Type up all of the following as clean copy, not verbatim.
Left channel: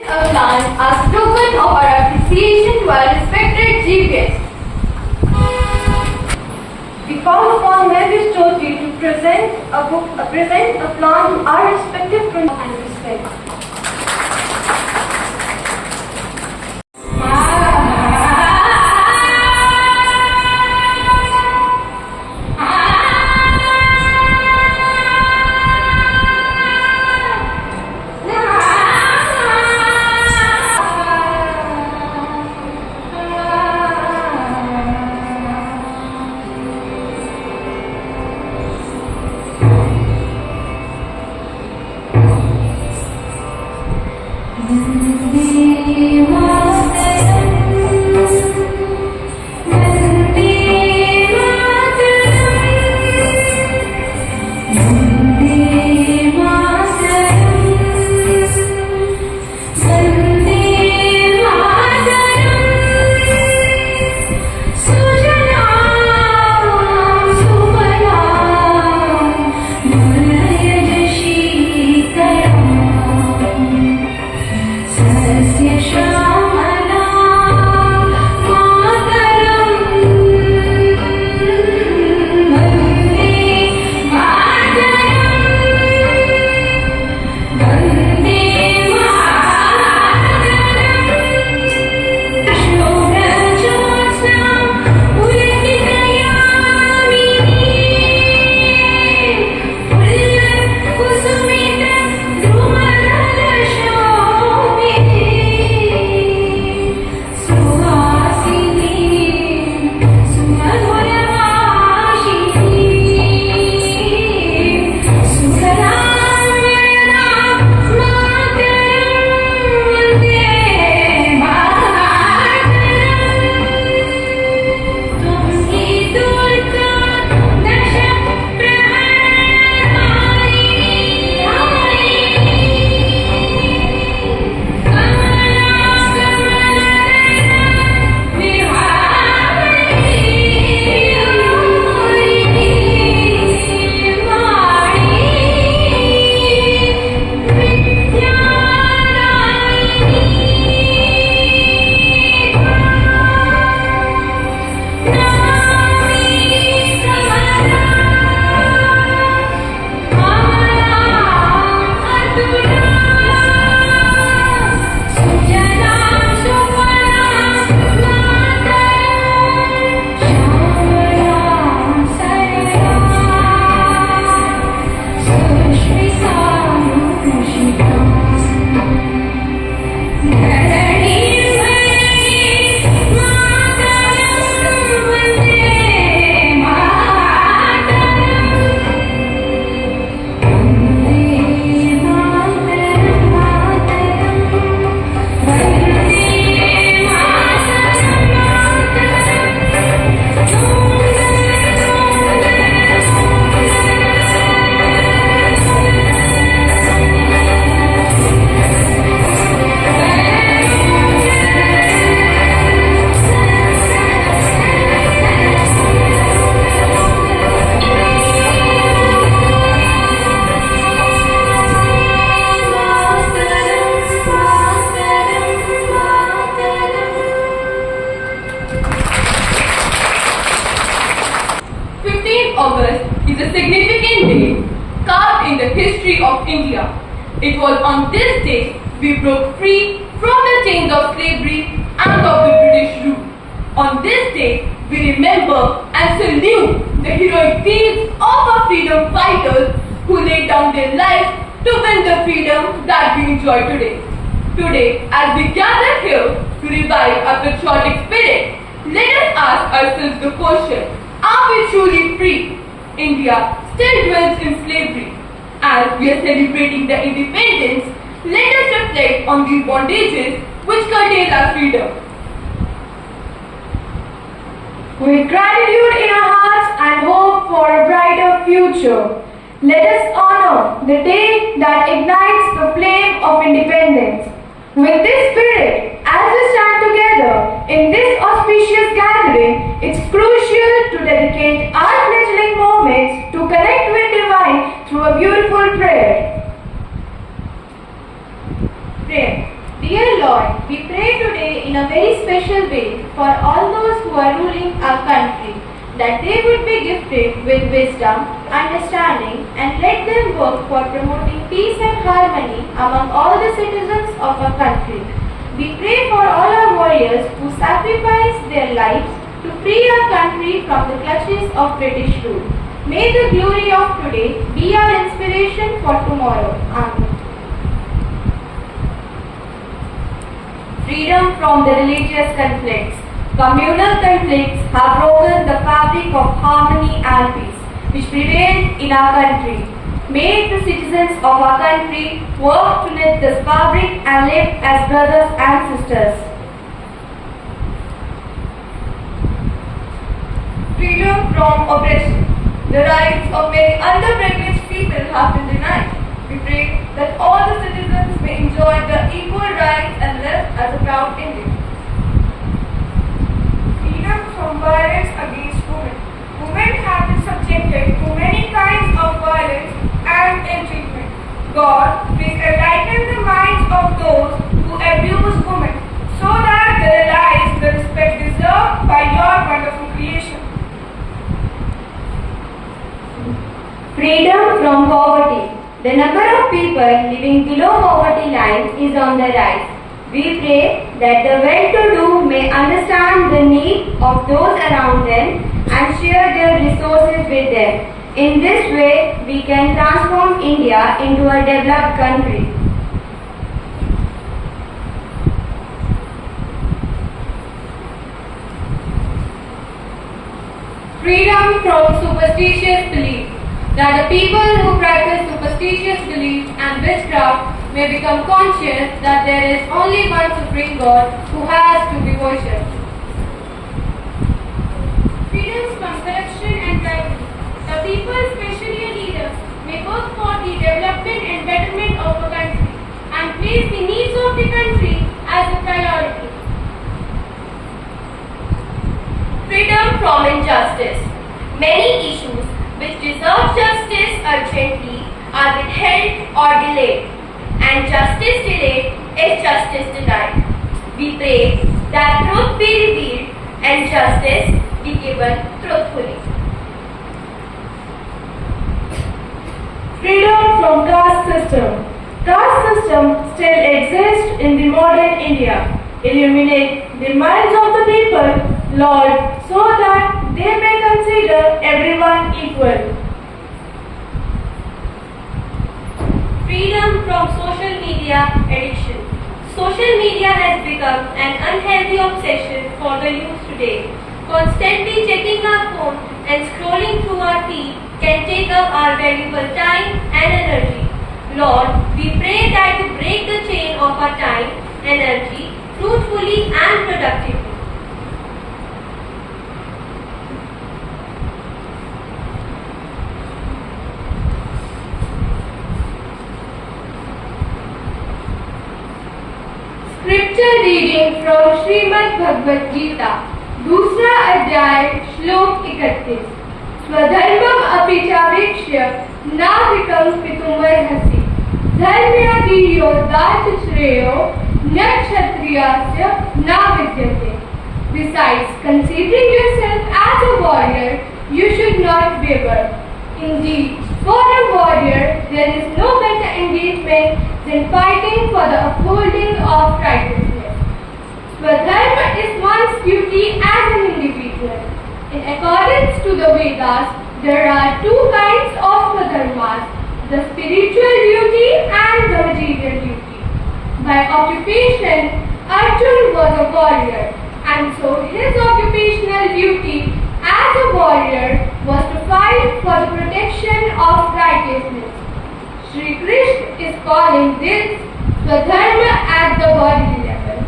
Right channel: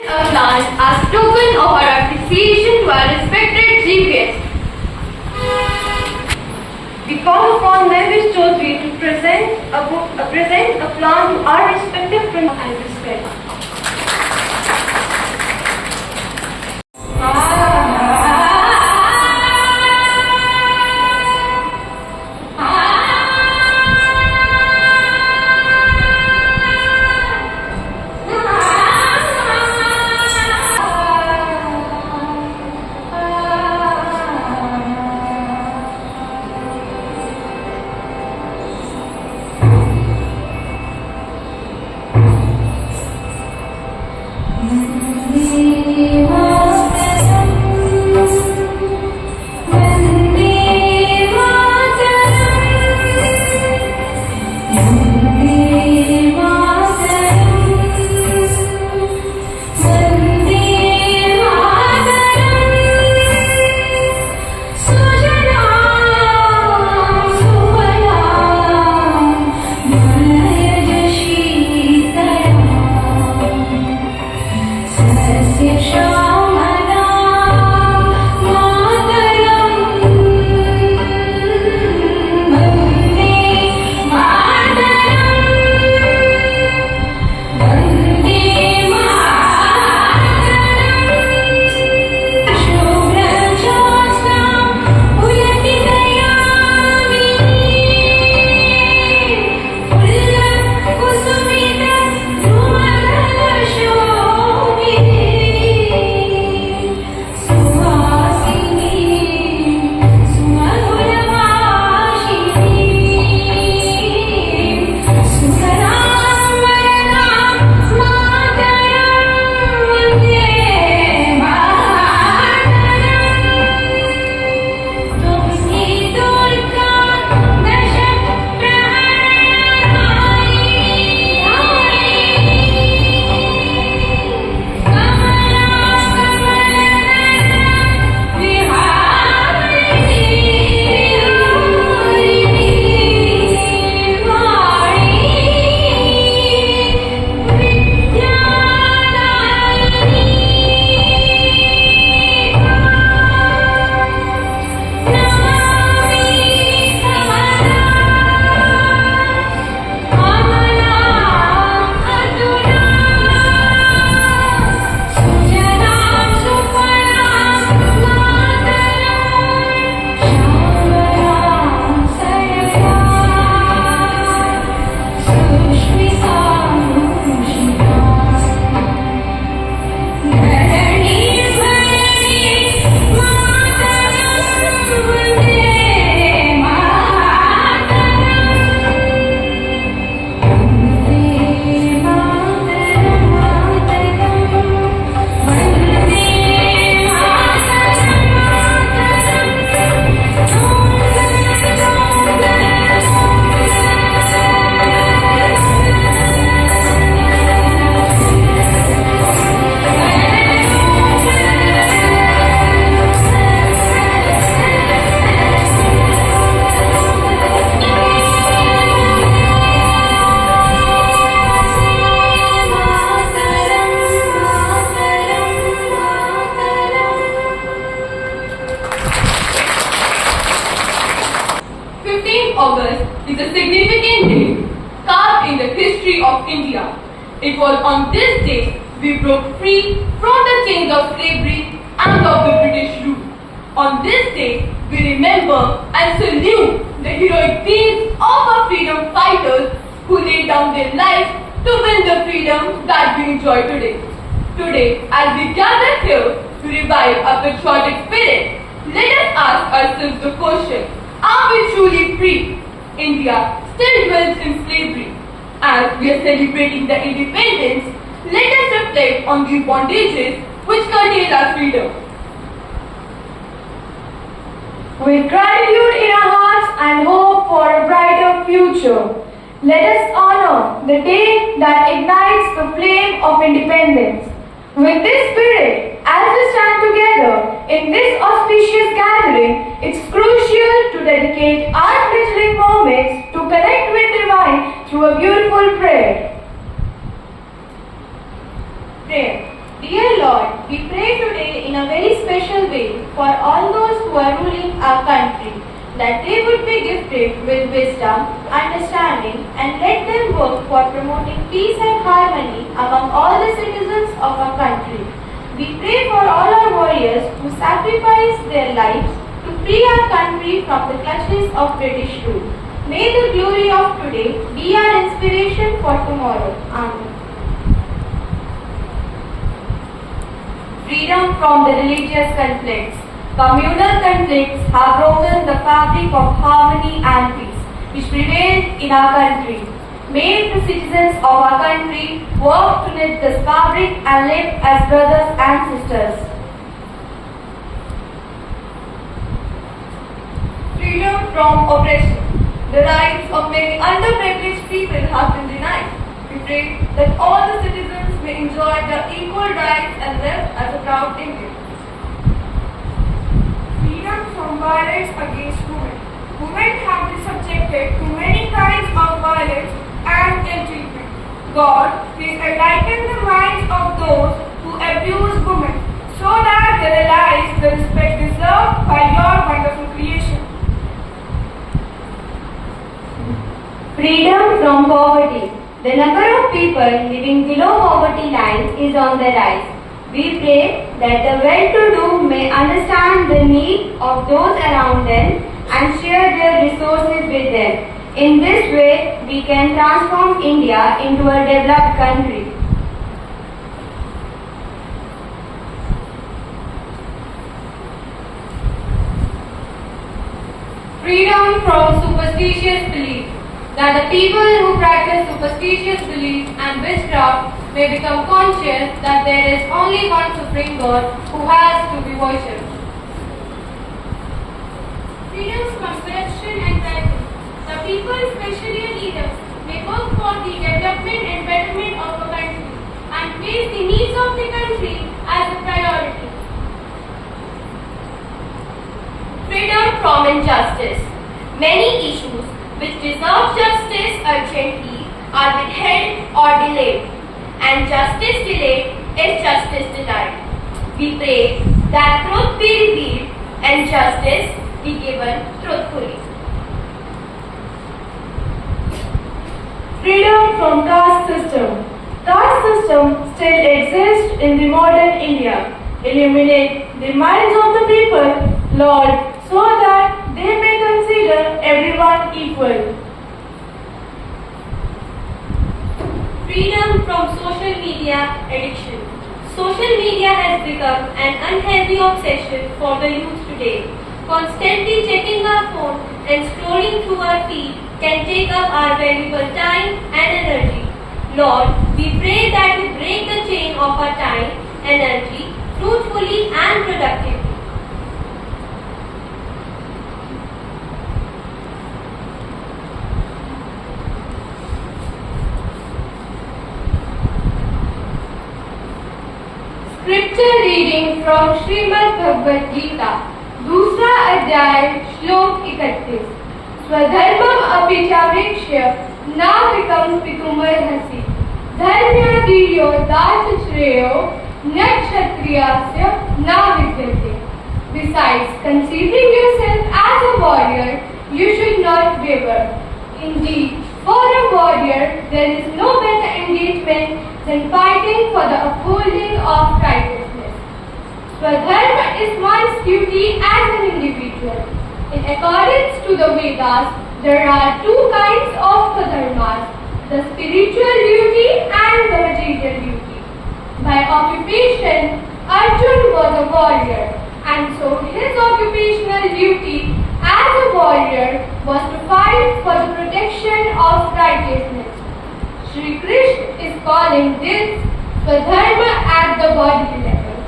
A plant as token of our appreciation to our respected chief guest. We call upon Mehwish Chaudhary to present a plant to our respective friends and respect. August is a significant day carved in the history of India. It was on this day we broke free from the chains of slavery and of the British rule. On this day we remember and salute the heroic deeds of our freedom fighters who laid down their lives to win the freedom that we enjoy today. Today, as we gather here to revive our patriotic spirit, let us ask ourselves the question, are we truly free? India still dwells in slavery. As we are celebrating the independence, let us reflect on these bondages which curtail our freedom. With gratitude in our hearts and hope for a brighter future, let us honor the day that ignites the flame of independence. With this spirit, as we stand together in this auspicious gathering, it's crucial to dedicate our fledgling moments to connect with Divine through a beautiful prayer. Dear Lord, we pray today in a very special way for all those who are ruling our country, that they would be gifted with wisdom, understanding, and let them work for promoting peace and harmony among all the citizens of our country. We pray for all our warriors who sacrifice their lives to free our country from the clutches of British rule. May the glory of today be our inspiration for tomorrow. Amen. Freedom from the religious conflicts. Communal conflicts have broken the fabric of harmony and peace which prevailed in our country. May the citizens of our country work to knit this fabric and live as brothers and sisters. Freedom from oppression. The rights of many underprivileged people have been denied. We pray that all the citizens may enjoy their equal rights and live as a proud Indian. Freedom from violence against women. Women have been subjected to many kinds of violence and ill-treatment. God, please enlighten the minds of those who abuse women so that they realize the respect deserved by your wonderful creation. Freedom from poverty. The number of people living below poverty line is on the rise. We pray that the well-to-do may understand the need of those around them and share their resources with them. In this way, we can transform India into a developed country. Freedom from superstitious belief. That the people who practice superstitious beliefs and witchcraft may become conscious that there is only one supreme God who has to be worshipped. Freedom from corruption and tyranny. The people, especially leaders, may work for the development and betterment of the country and place the needs of the country as a priority. Freedom from injustice. Many issues which deserve justice urgently are withheld or delayed, and justice delayed is justice denied. We pray that truth be revealed and justice be given truthfully. Freedom from caste system. Caste system still exists in the modern India. Illuminate the minds of the people, Lord, so that they may consider everyone equal. Freedom from social media addiction. Social media has become an unhealthy obsession for the youth today. Constantly checking our phone and scrolling through our feed can take up our valuable time and energy. Lord, we pray that you break the chain of our time, energy, fruitfully and productively. Scripture reading from Shrimad Bhagavad Gita, दूसरा अध्याय, श्लोक 31। स्वधर्मम अपि च वीक्ष्य नाविकं पितुमर्हसि, धर्म्याधीयो दास श्रेयो न क्षत्रियस्य न विद्यते. Besides conceiving yourself as a warrior, you should not waver. Indeed, for a warrior, there is no better engagement than fighting for the upholding of righteousness. Swadharma is one's duty as an individual. In accordance to the Vedas, there are two kinds of swadharmas, the spiritual duty and the material duty. By occupation, Arjun was a warrior, and so his occupational duty as a warrior was to fight for the protection of righteousness. Shri Krishna is calling this Swadharma at the bodily level.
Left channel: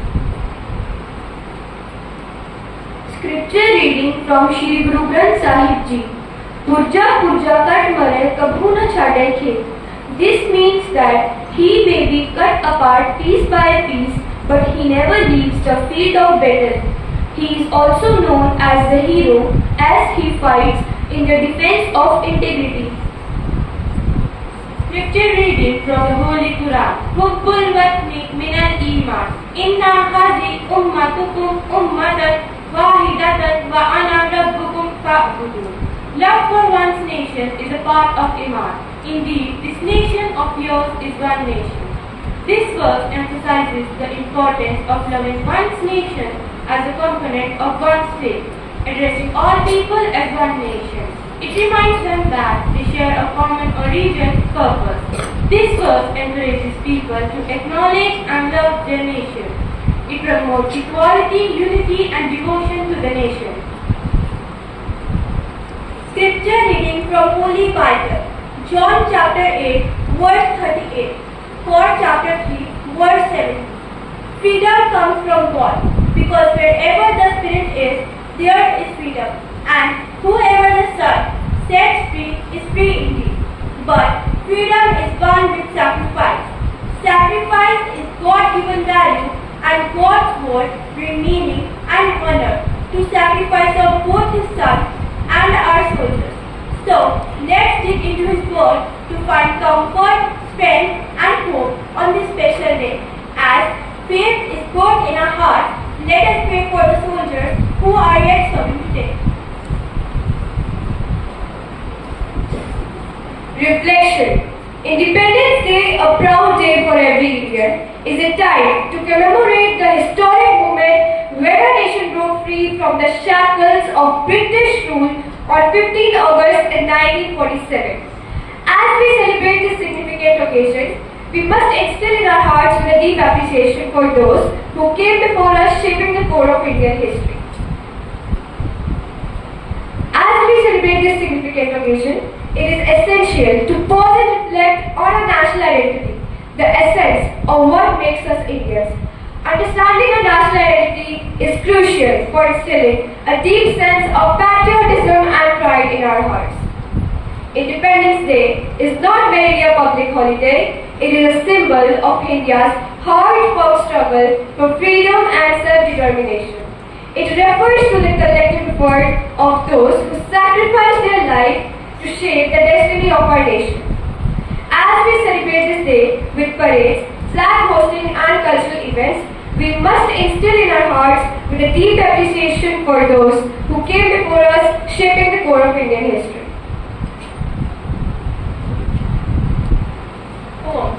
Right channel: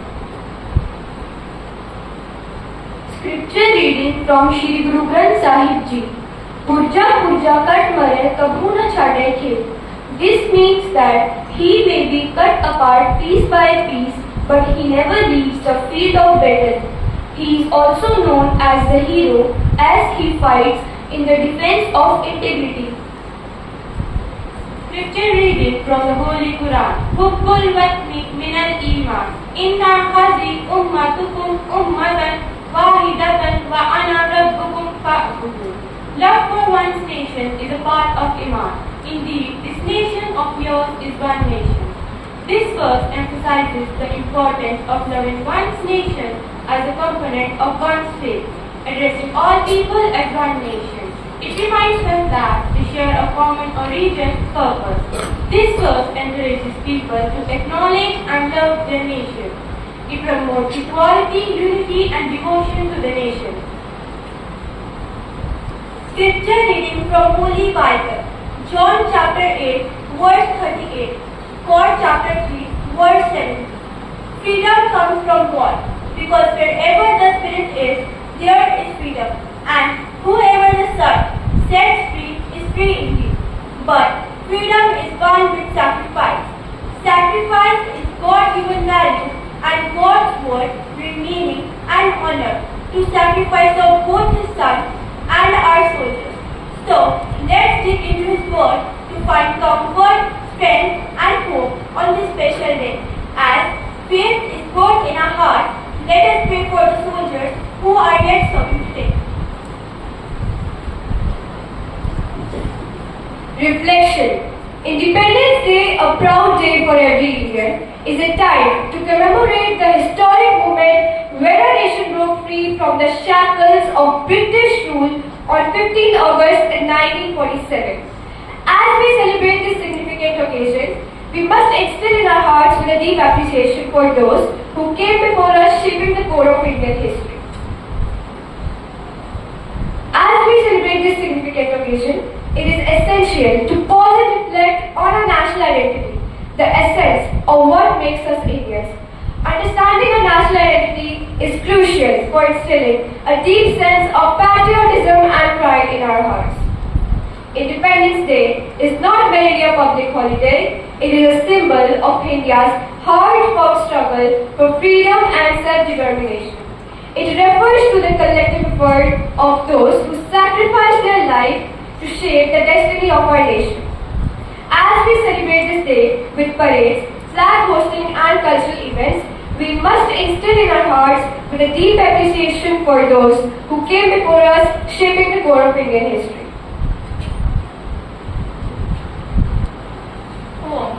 Scripture reading from Shri Guru Granth Sahib Ji. Purja purja kat mare kabhu na chhade ke. This means that he may be cut apart piece by piece, but he never leaves the field of battle. He is also known as the hero as he fights in the defense of integrity. Scripture reading from the Holy Quran, Book قل واتني من الإيمان إن هذه أمتكم أمة واحدة وأنا ربكم فاعبدون. Love for one's nation is a part of Iman. Indeed, this nation of yours is one nation. This verse emphasizes the importance of loving one's nation as a component of one's faith, addressing all people as one nation. It reminds them that they share a common origin purpose. This verse encourages people to acknowledge and love their nation. It promotes equality, unity, and devotion to the nation. Scripture reading from Holy Bible, John chapter 8, verse 38, 4 chapter 3, verse 7. Freedom comes from God, because wherever the Spirit is, there is freedom, and whoever the Son sets free is free indeed. But freedom is gone with sacrifice. Sacrifice is God-given value, and God's word bring meaning and honor to sacrifice of both His Son and our soldiers. So, let's dig into His word to find comfort, strength, and hope on this special day. As faith is born in our hearts, let us pray for the soldiers who are yet serving today. Reflection. Independence Day, a proud day for every Indian, is a time to commemorate the historic moment when our nation broke free from the shackles of British rule on 15 August 1947. As we celebrate this significant occasion, we must instill in our hearts with a deep appreciation for those who came before us, shaping the core of Indian history. As we celebrate this significant occasion, it is essential to pause and reflect on our national identity, the essence of what makes us Indians. Understanding our national identity is crucial for instilling a deep sense of patriotism and pride in our hearts. Independence Day is not merely a public holiday, it is a symbol of India's hard-fought struggle for freedom and self-determination. It refers to the collective effort of those who sacrificed their life to shape the destiny of our nation. As we celebrate this day with parades, flag hosting and cultural events, we must instill in our hearts with a deep appreciation for those who came before us, shaping the core of Indian history. Home.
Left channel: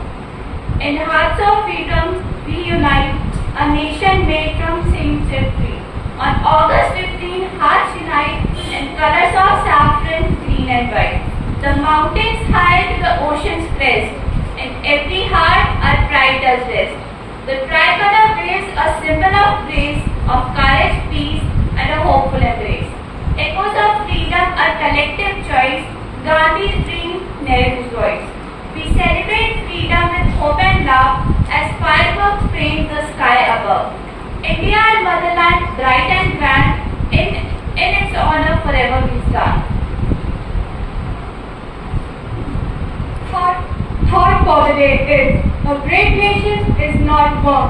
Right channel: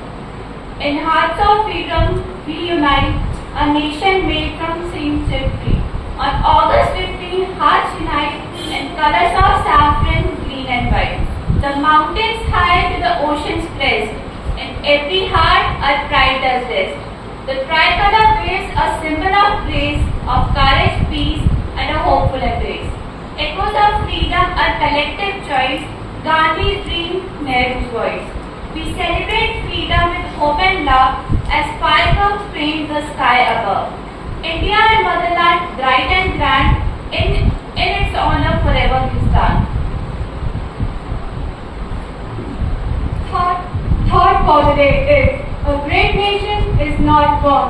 In hearts of freedom, we unite, a nation made from sin set free. On August 15, hearts unite in colors of saffron, green and white. The mountains high to the ocean's crest, in every heart our pride does rest. The tricolor wears a symbol of grace, of courage, peace, and a hopeful embrace. Echoes of freedom, a collective choice, Gandhi's dream, Nehru's voice. We celebrate freedom with hope and love as fireworks frame the sky above. India, our motherland, bright and grand, in its honor forever we stand. Thought for the day is, a great nation is not born,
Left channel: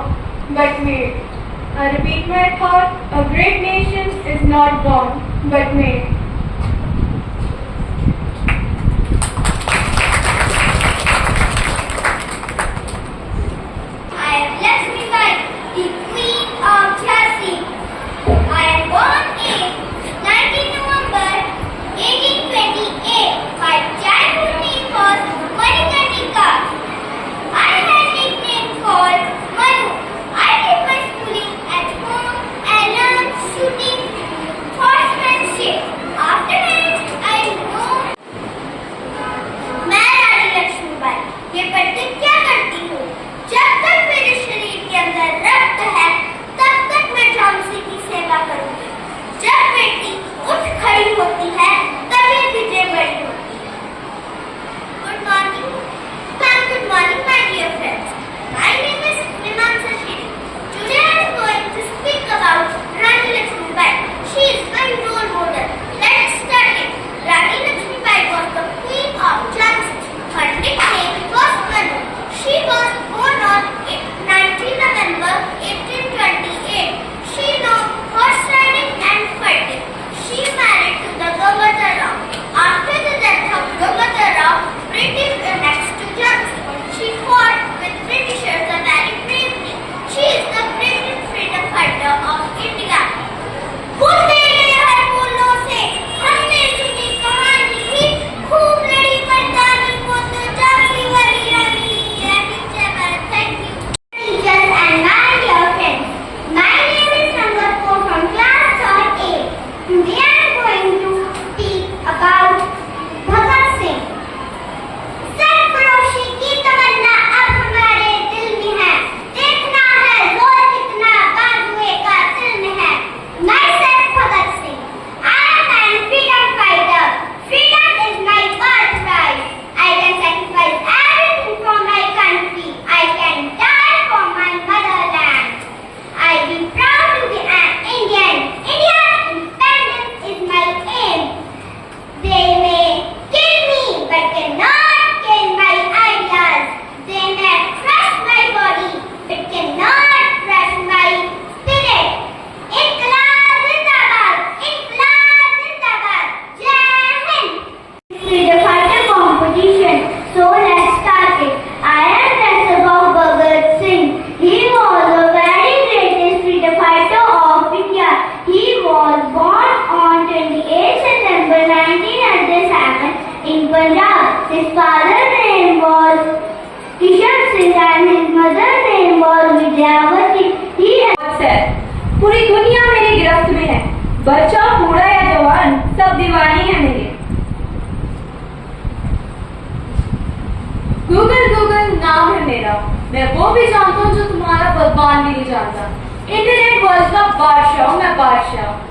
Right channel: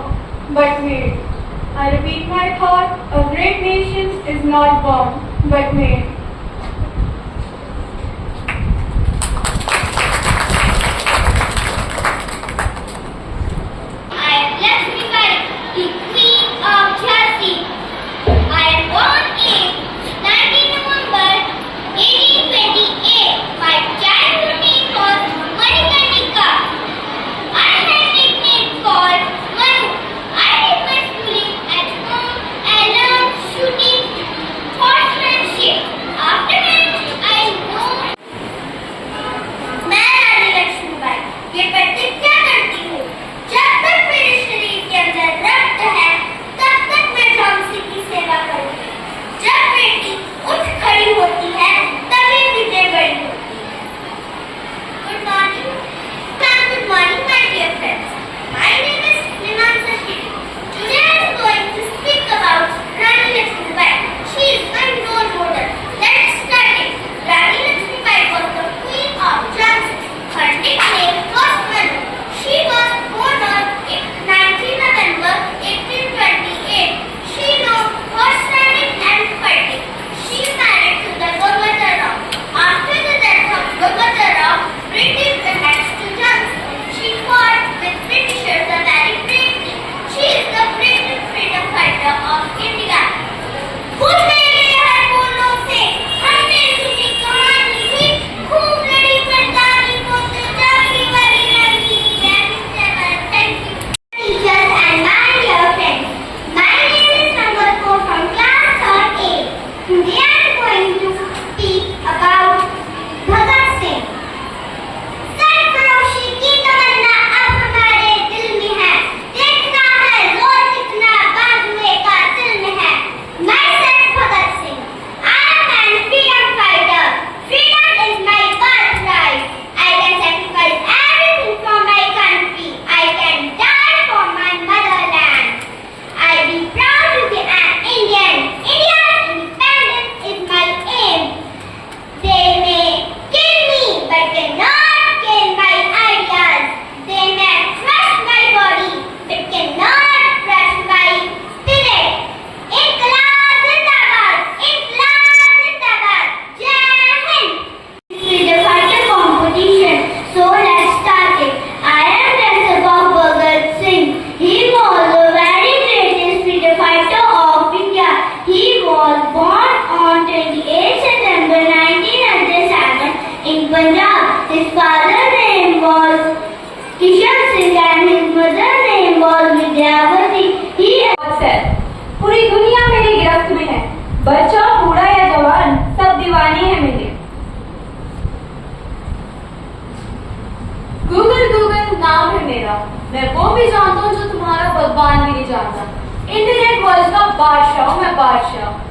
but made. I repeat my thought, a great nation is not born, but made. I am Lakshmi Bai, the Queen of Jhansi. I am born in 19 November 1828. My childhood name was Manikarnika. I had a nickname called Manu. I did my schooling at home and learned shooting, horsemanship, भी जानता हूँ जो तुम्हारा भगवान भी नहीं जानता। Internet world का बादशाह हूँ मैं, बादशाह।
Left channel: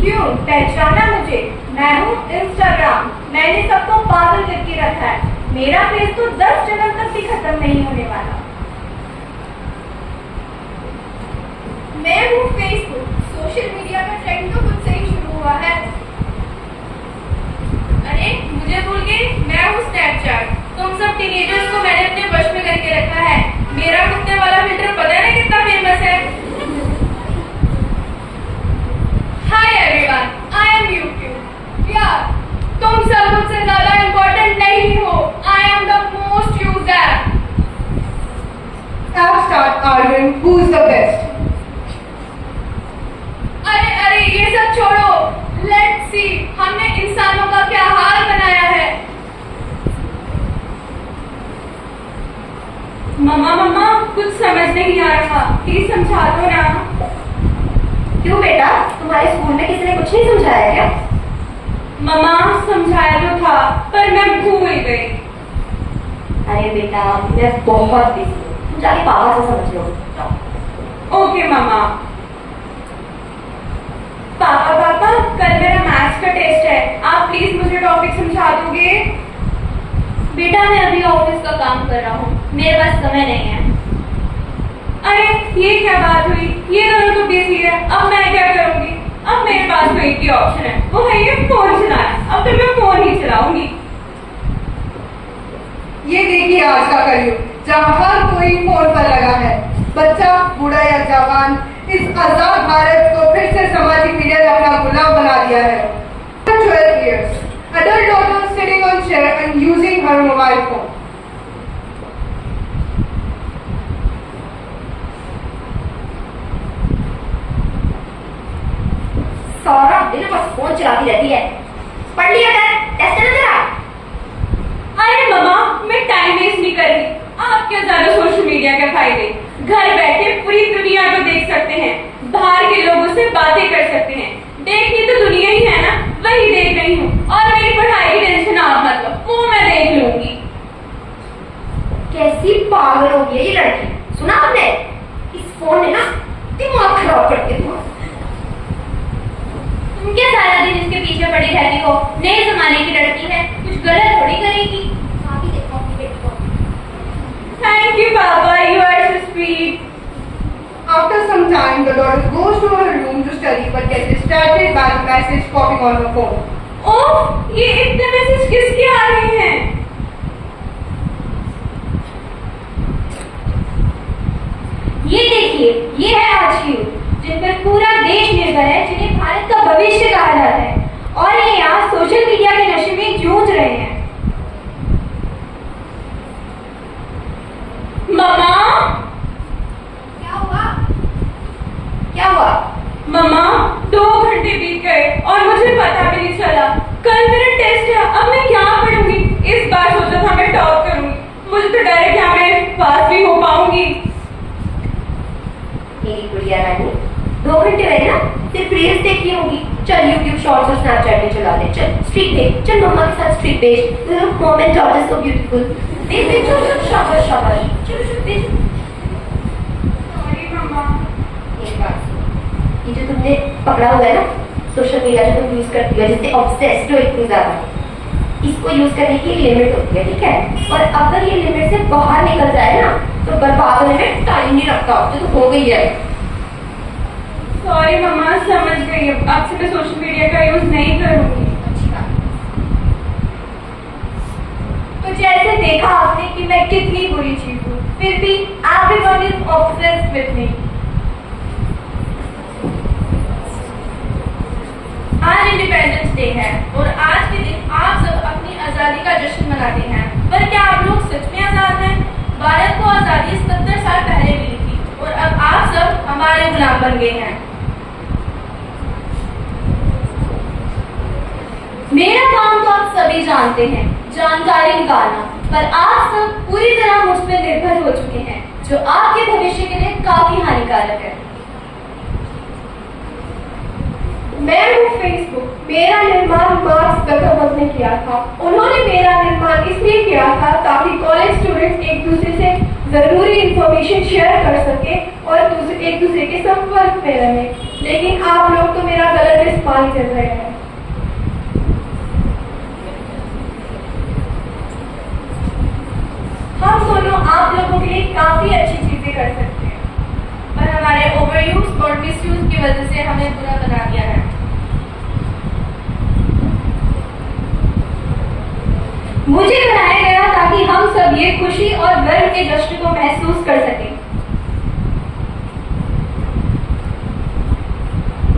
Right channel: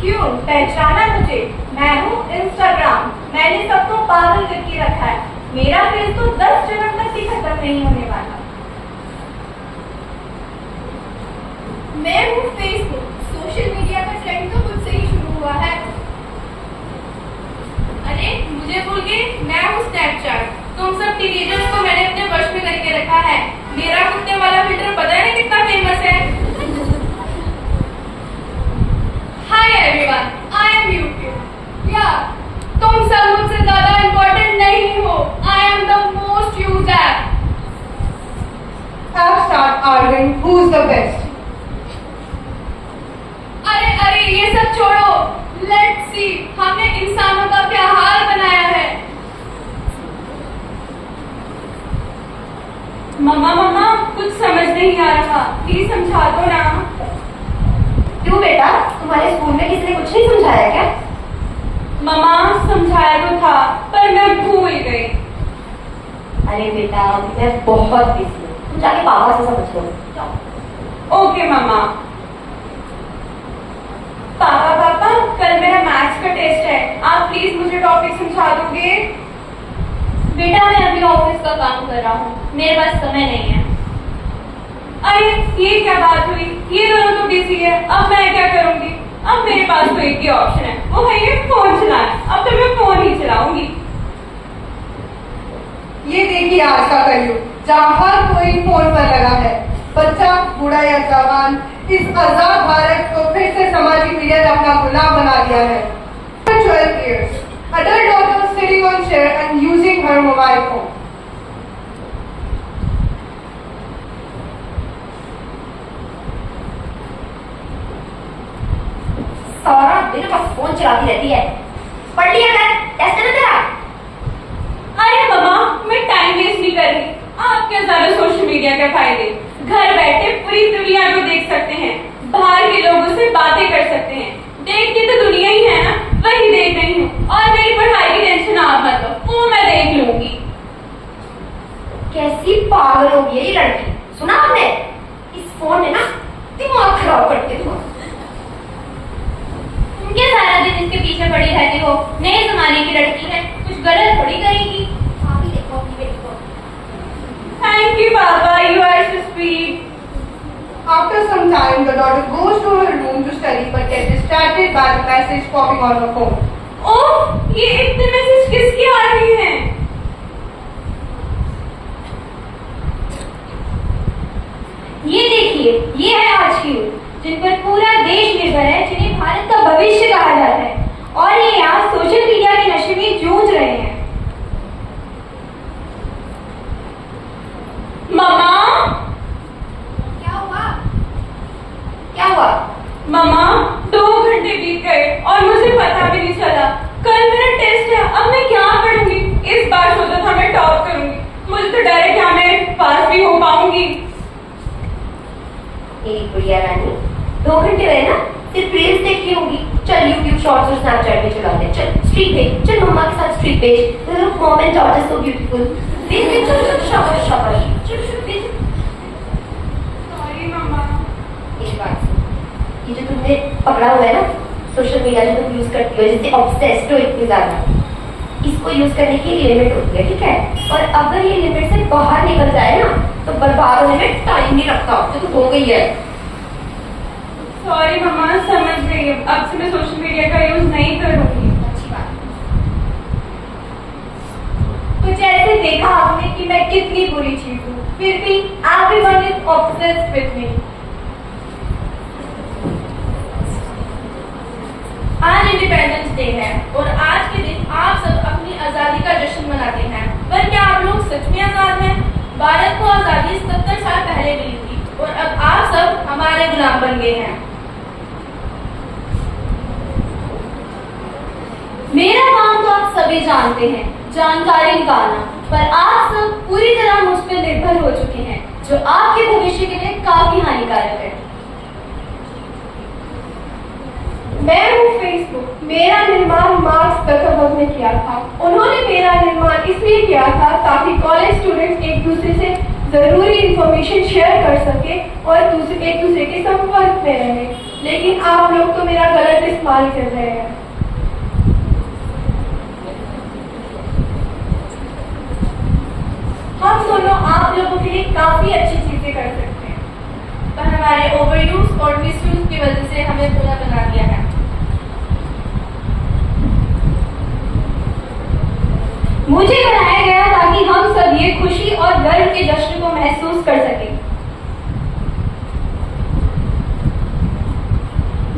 क्यों पहचाना मुझे? मैं हूँ इंस्टाग्राम। मैंने सबको पागल करके रखा है। मेरा फेस तो 10 जन्म तक भी खत्म नहीं होने वाला। मैं हूँ फेसबुक। सोशल मीडिया का ट्रेंड तो मुझसे ही शुरू हुआ है। अरे मुझे भूल गई, मैं हूँ स्नैपचैट। तुम सब टीनेजर्स को मैंने अपने वश में करके रखा है। मेरा कुत्ते वाला फिल्टर पता है कितना फेमस है। Hi everyone, I am YouTube. यार तुम सब मुझसे ज्यादा इम्पोर्टेंट नहीं हो। I am the most used app. Now start arguing who's the best. अरे अरे ये सब छोड़ो। लेट्स सी हमने इंसानों का क्या हाल बनाया है। मम्मा मम्मा कुछ समझ नहीं आ रहा, प्लीज समझा दो ना। क्यों बेटा, तुम्हारे स्कूल में किसी ने कुछ नहीं समझाया क्या? मम्मा समझाया तो था पर मैं भूल गई। अरे बेटा मैं बहुत बिजी हूँ, तुम जाके पापा से समझ लो। ओके मम्मा। पापा पापा कल मेरा मैथ्स का टेस्ट है, आप प्लीज मुझे टॉपिक समझा दोगे? बेटा मैं अभी ऑफिस का काम कर रहा हूँ, मेरे पास समय नहीं है। अरे ये क्या बात हुई, ये दोनों तो बिजी है, अब मैं क्या करूंगी? अब मेरे पास तो एक ही ऑप्शन है, वो है ये फोन चलाना। अब तो मैं फोन ही चलाऊंगी। ये देखिए आज का कलयुग जहाँ हर कोई फोन पर लगा है। बच्चा, बूढ़ा या जवान, इस आजाद भारत को फिर से सामाजिक मीडिया ने अपना गुलाम बना दिया है। 12 years, adult daughter sitting on chair and using her mobile phone. सारा दिन बस फोन चलाती रहती है। पढ़ लिया कर, टेस्ट है ना तेरा? अरे मम्मा मैं टाइम वेस्ट नहीं कर रही। आप क्या ज्यादा सोशल मीडिया के फायदे, घर बैठे पूरी दुनिया को देख सकते हैं, बाहर के लोगों से बातें कर सकते हैं। देखनी तो दुनिया ही है ना, वही देख रही हूँ। और मेरी पढ़ाई की टेंशन आप मत लो, वो मैं देख लूंगी। कैसी पागल होगी ये लड़की, सुना आपने? इस फोन ने ना दिमाग खराब कर दिया तुम्हारा। तुम क्या सारा दिन इसके पीछे पड़ी रहती हो? नहीं जमाने की लड़की है, कुछ गलत थोड़ी करेगी। आगे देखो अपनी बेटी को। Thank you papa, you are so sweet. After some time, the daughter goes to her room to study but gets distracted by the message popping on her phone. ओह ये इतने मैसेज किसके आ रहे हैं? ये देखिए, ये है आज की यूथ, जिन पर पूरा देश निर्भर है, जिन्हें भारत का भविष्य कहा जाता है, और ये यहाँ सोशल मीडिया के नशे में जूझ रहे हैं। मम्मा क्या हुआ? मम्मा 2 घंटे बीत गए और मुझे पता भी नहीं चला। कल मेरा टेस्ट है, अब मैं क्या पढ़ूंगी? इस बार सोचा था मैं टॉप करूंगी, मुझे तो डर है क्या मैं पास भी हो पाऊंगी। मेरी गुड़िया रानी, 2 घंटे रहे ना, सिर्फ रील्स देखती होगी। चल यूट्यूब शॉर्ट्स और स्नैपचैट पे चला दे। चल स्ट्रीक भेज, चल मम्मा के साथ स्ट्रीक भेज। Look mom and daughter so beautiful. देख देख, चल चल, शाबाश शाबाश, चल चल देख। सॉरी मम्मा। एक बात सुन, ये जो तुमने पकड़ा हुआ है ना सोशल मीडिया, जो तुम यूज करती हो, जिससे ऑब्सेस्ड हो इतनी ज्यादा, इसको यूज करने की लिमिट होती है, ठीक है? और अगर ये लिमिट से बाहर निकल जाए ना तो बर्बाद होने में टाइम नहीं लगता, तो हो गई है। सॉरी मम्मा, समझ गई। अब से मैं सोशल मीडिया का यूज नहीं करूंगी। अच्छी बात। तो जैसे देखा आपने कि मैं कितनी बुरी चीज हूँ, फिर भी everyone is obsessed with me. आज इंडिपेंडेंस डे है और आज के दिन आप सब अपनी आजादी का जश्न मनाते हैं, पर क्या आप लोग सच में आजाद हैं? भारत को आजादी 70 साल पहले मिली थी और अब आप सब हमारे गुलाम बन गए हैं। मेरा काम तो आप सभी जानते हैं, जानकारी निकालना, पर आप सब पूरी तरह मुझ पर निर्भर हो चुके हैं, जो आपके भविष्य के लिए काफी हानिकारक है। मैं हूँ फेसबुक। मेरा निर्माण मार्क्स गौतम ने किया था। उन्होंने मेरा निर्माण इसलिए किया था ताकि कॉलेज स्टूडेंट्स एक दूसरे से जरूरी इंफॉर्मेशन शेयर कर सके और एक दूसरे के संपर्क में रहे। लेकिन आप लोग तो मेरा गलत इस्तेमाल कर रहे हैं। हम दोनों आप लोगों के लिए काफी अच्छी चीजें कर सकते हैं, पर हमारे ओवरयूज और मिसयूज की वजह से हमें बुरा बना दिया है। मुझे बनाया गया ताकि हम सब ये खुशी और गर्व के जश्न को महसूस कर सकें।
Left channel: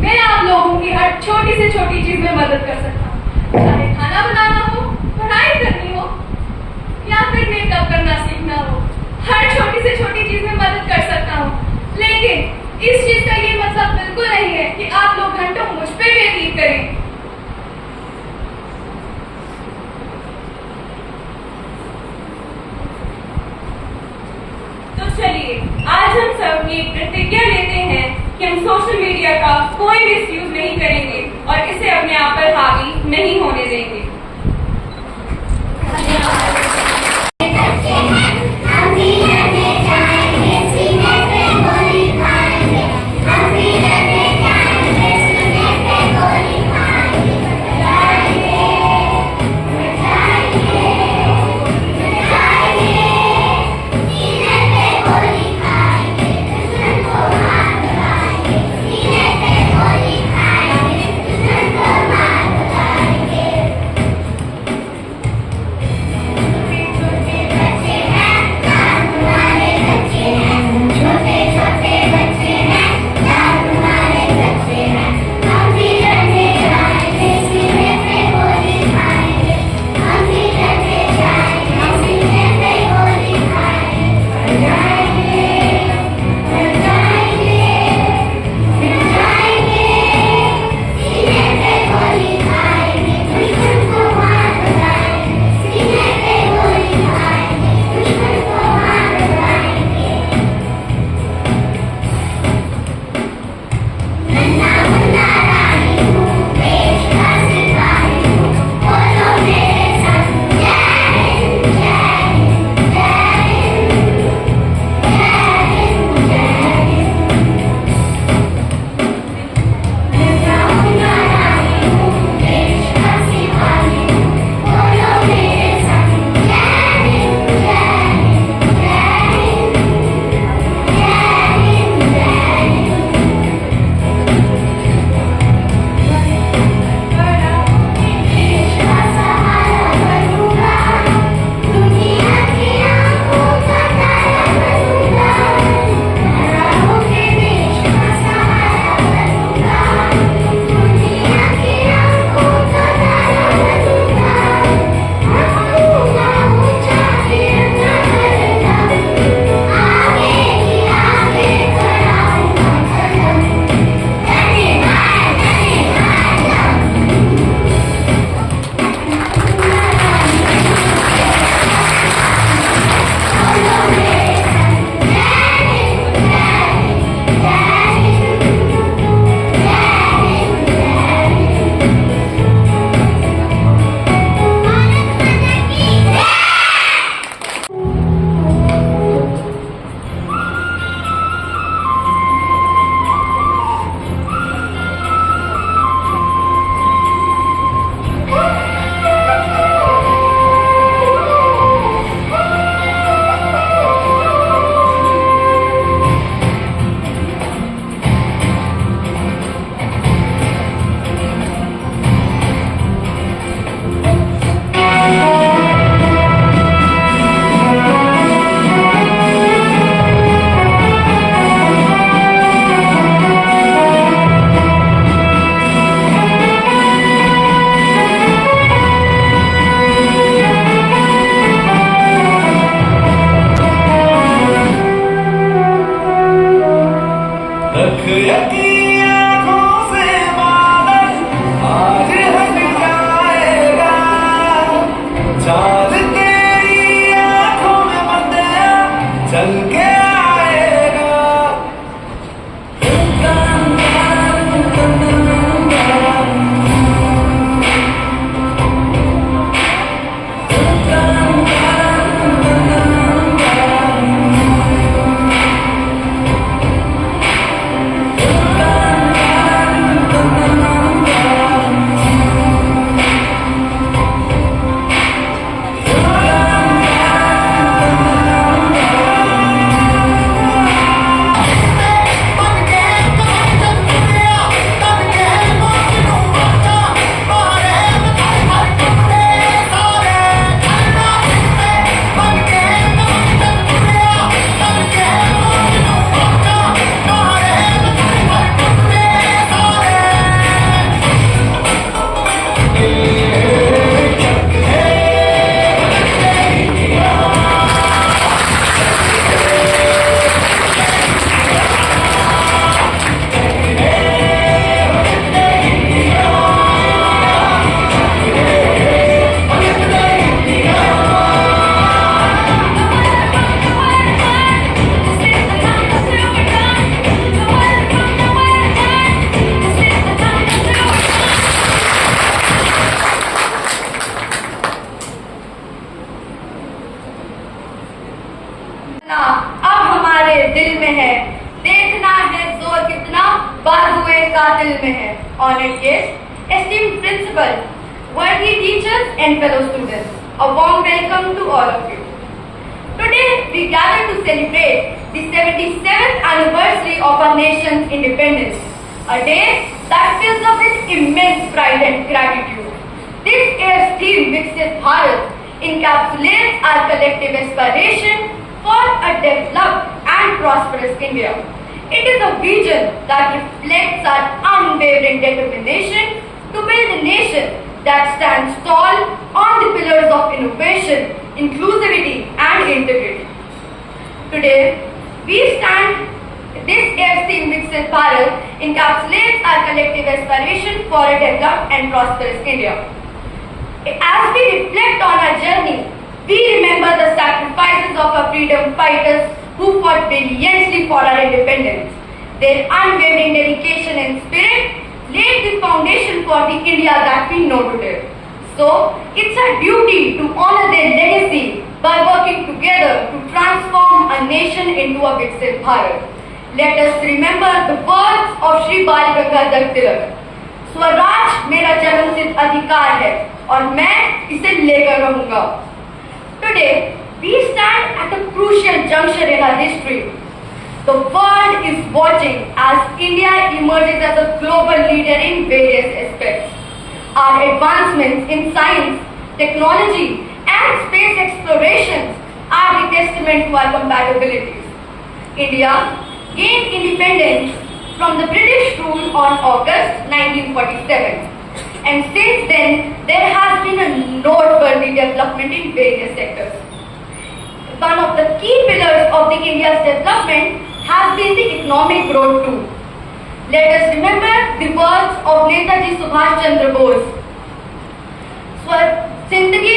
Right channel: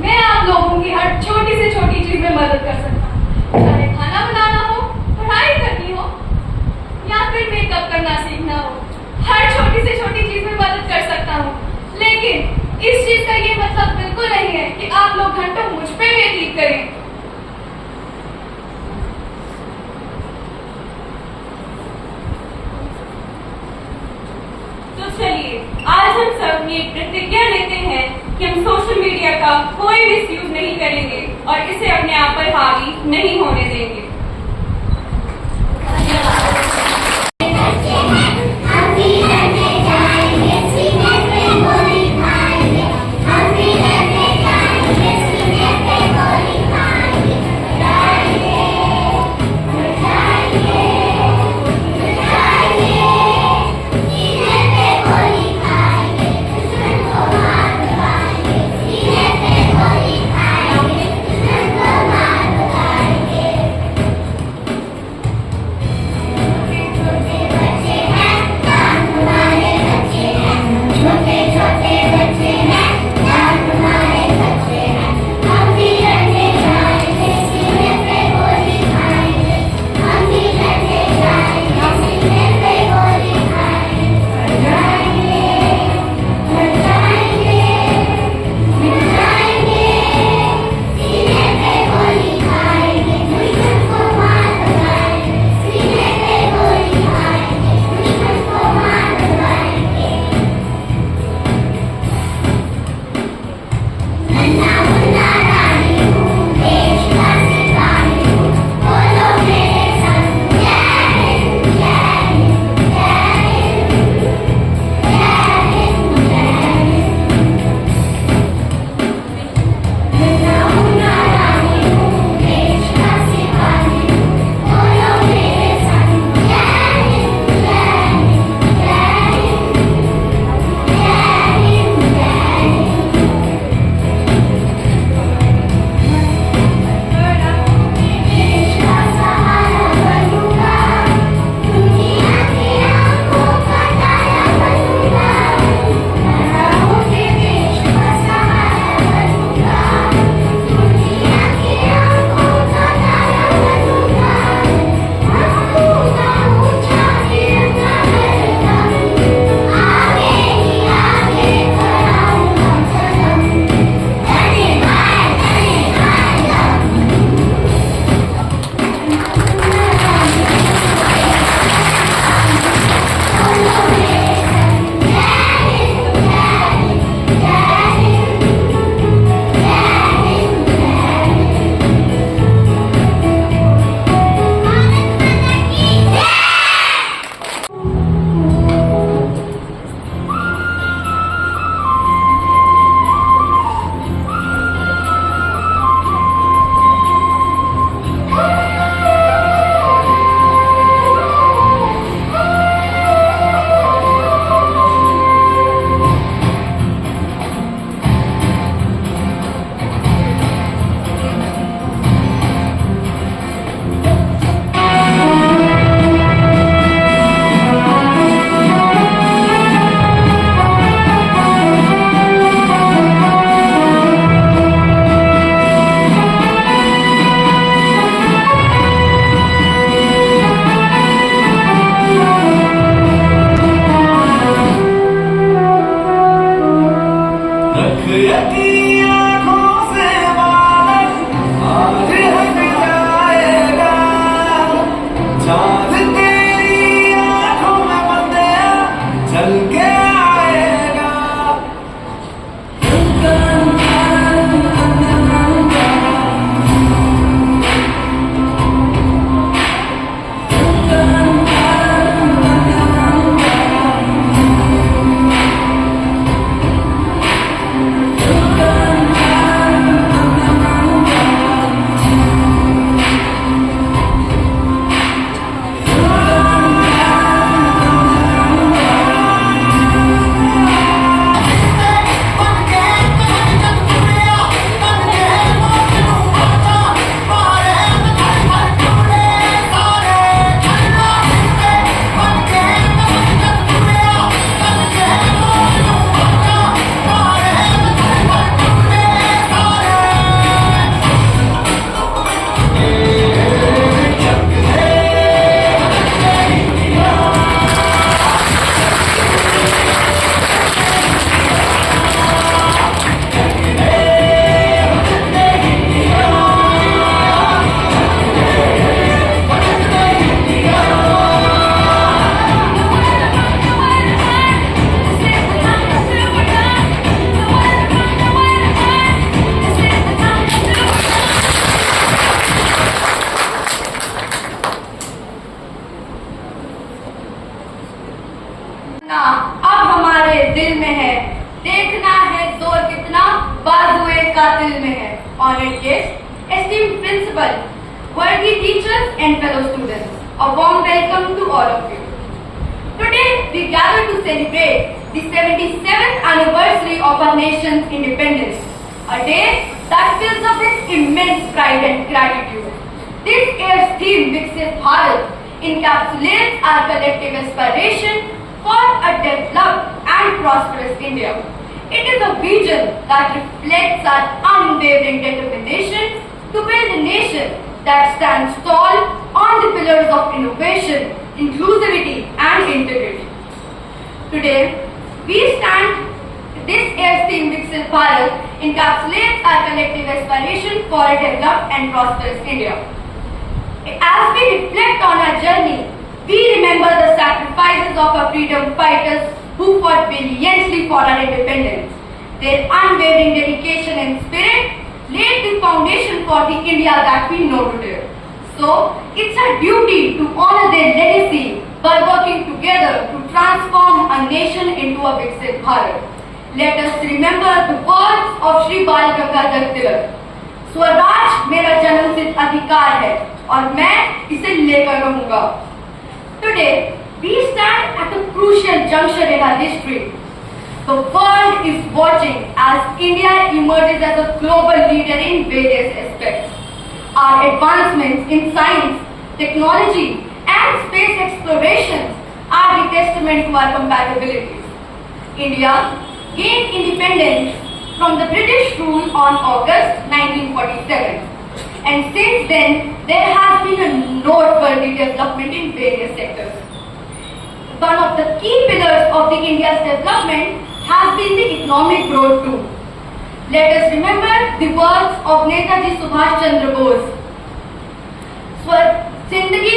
मैं आप लोगों की हर छोटी से छोटी चीज में मदद कर सकता हूँ, चाहे खाना बनाना हो, पढ़ाई करनी हो या फिर मेकअप करना सीखना हो। हर छोटी से छोटी चीज में मदद कर सकता हूँ। लेकिन इस चीज का ये मतलब बिल्कुल नहीं है कि आप लोग घंटों मुझ पे व्यतीत करें। तो चलिए आज हम सब ये प्रतिज्ञा लेते हैं कि हम सोशल मीडिया का कोई मिसयूज नहीं करेंगे और इसे अपने आप पर हावी नहीं होने देंगे। ना अब हमारे दिल में है, देखना है जोर कितना बाजुए कातिल में है। Honored guests, esteemed principal, worthy teachers and fellow students, a warm welcome to all of you. Today we gather to celebrate the 77th anniversary of our nation's independence, a day that fills us with immense pride and gratitude. This year's theme, Viksit Bharat, encapsulates our collective aspiration for a developed and prosperous India. It is a vision that reflects our unwavering determination to build a nation that stands tall on the pillars of innovation, inclusivity and integrity. Today, this year's theme Viksit Bharat encapsulates our collective aspiration for a developed and prosperous India. As we reflect on our journey, we remember the sacrifices of our freedom fighters who fought valiantly for our independence. Their unwavering dedication and spirit laid the foundation for the India that we know today. So, it's our duty to honor their legacy by working together to transform a nation into a Viksit Bharat. Let us remember the words of Shri Bal Gangadhar Tilak. Swaraj मेरा जन्मसिद्ध अधिकार है और मैं इसे लेकर रहूंगा. Today, we stand at a crucial juncture in our history. The world is watching as India emerges as a global leader in various aspects. Our advancements in science, technology, and space exploration are the testament to our compatibilities. India gained independence from the British rule on August 1947. And since then, there has been a noteworthy development in various sectors. One of the key pillars of the India's development has been the economic growth too. Let us remember the words of Netaji Subhash Chandra Bose. जिंदगी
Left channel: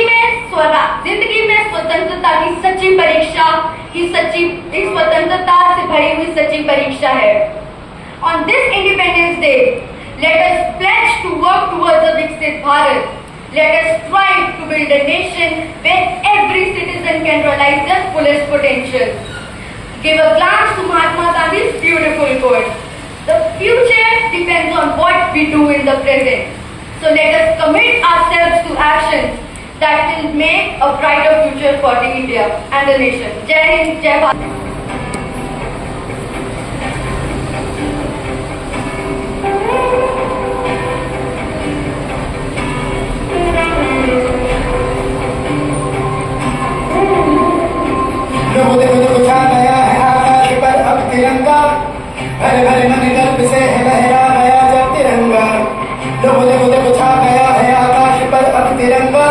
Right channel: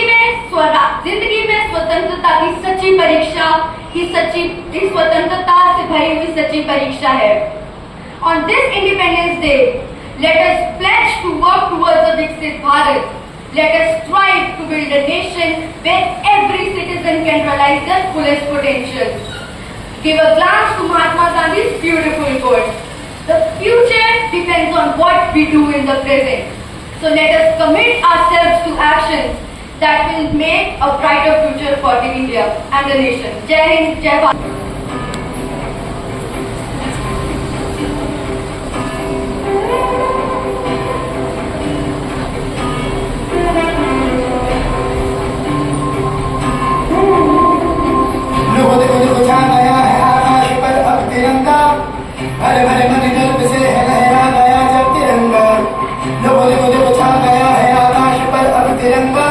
में स्वतंत्रता की सच्ची परीक्षा इस स्वतंत्रता से भरी हुई सच्ची परीक्षा है. On this Independence Day, let us pledge to work towards a Viksit Bharat. Let us strive to build a nation where every citizen can realize their fullest potential. Give a glance to Mahatma Gandhi's beautiful quote. The future depends on what we do in the present. So let us commit ourselves to actions that will make a brighter future for the India and the nation. Jai Hind, Jai Bharat. भले भले नदी गर्भ से है लहरा गया जब तिरंगा. देखो देखो छा गया है आकाश पर अब तिरंगा.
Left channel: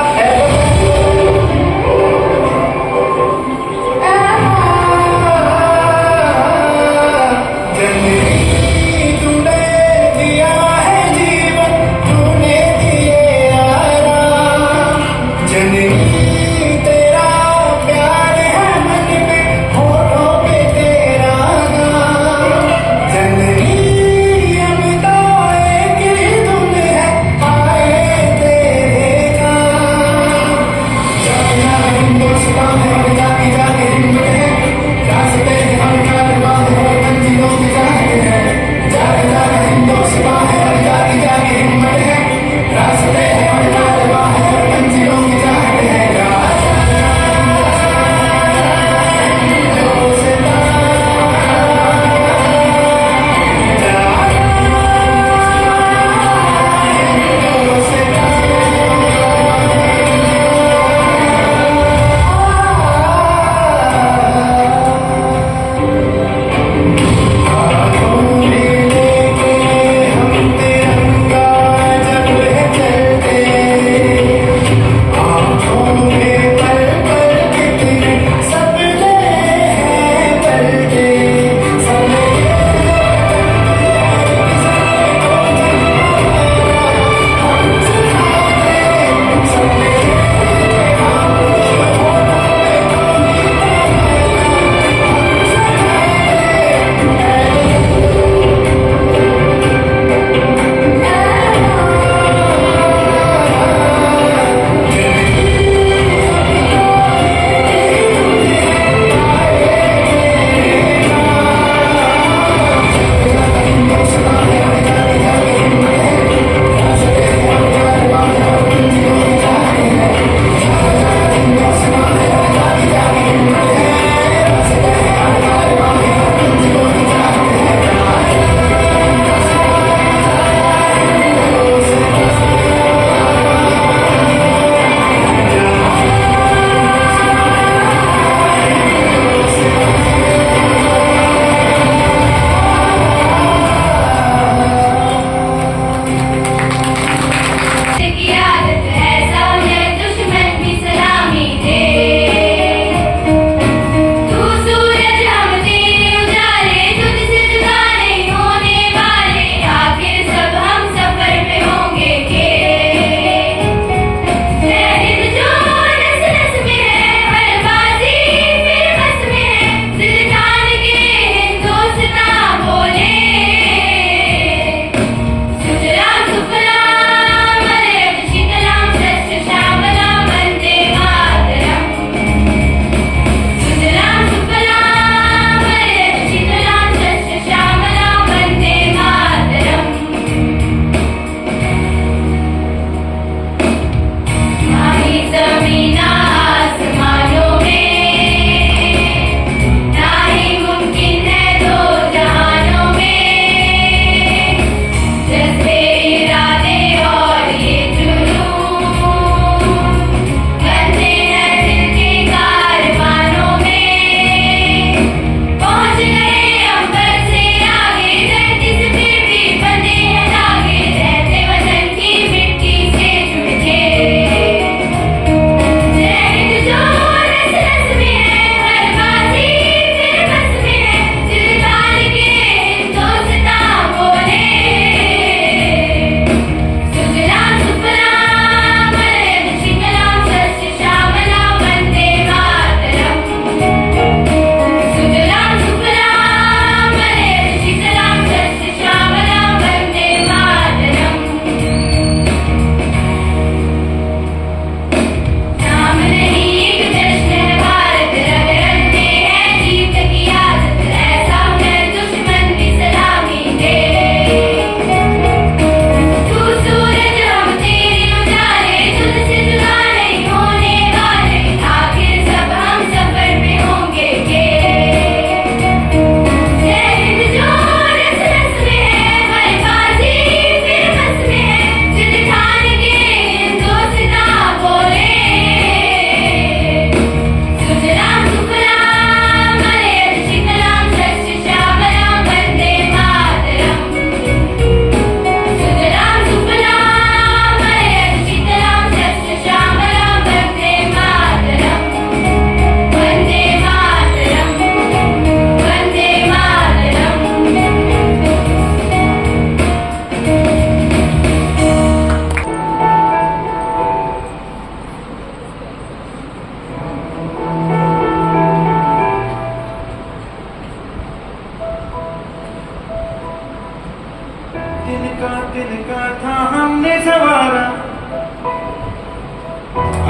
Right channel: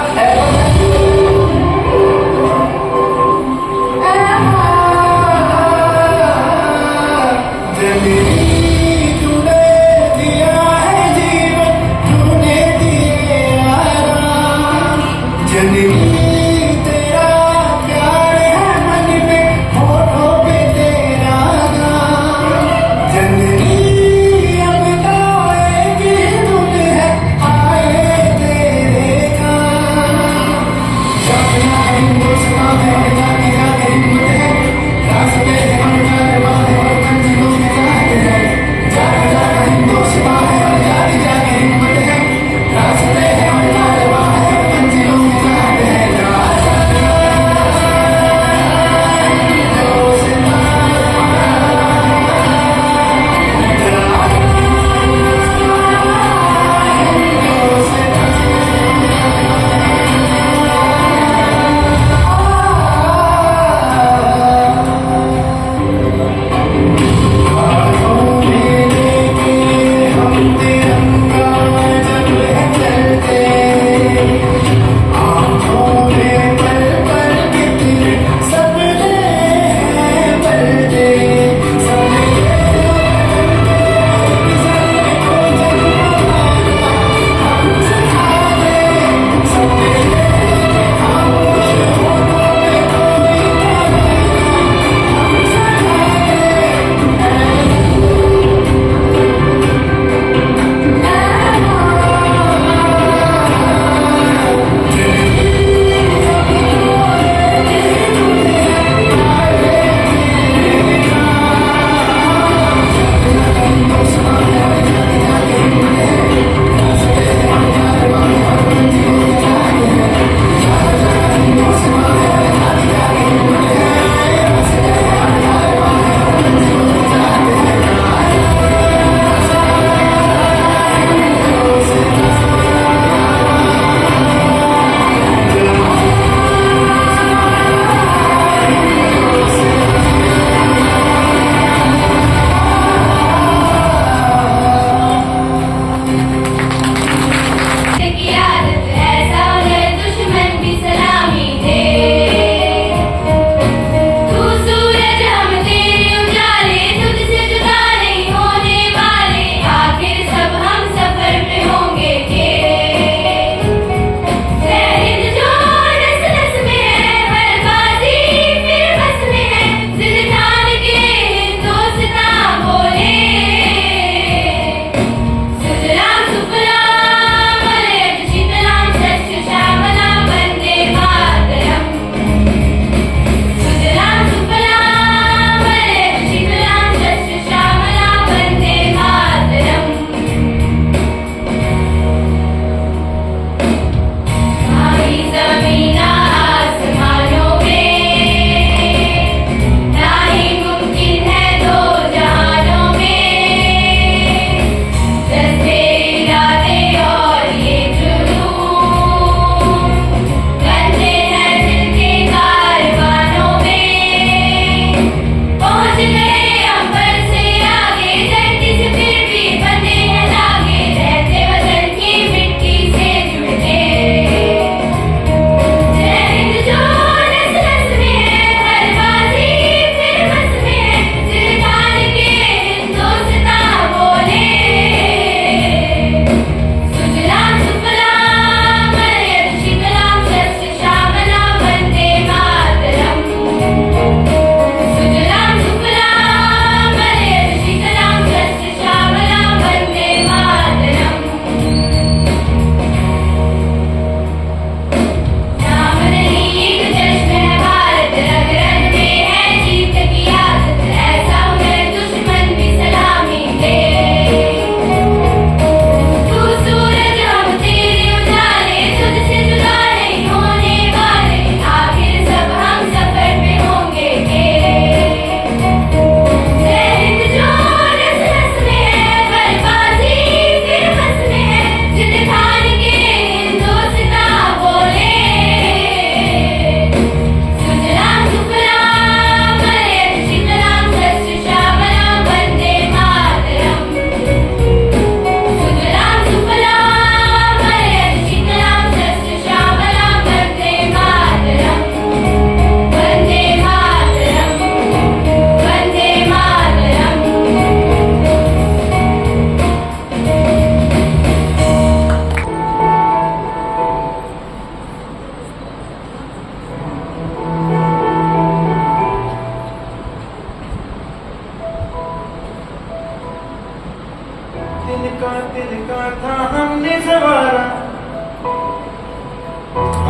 संवारा,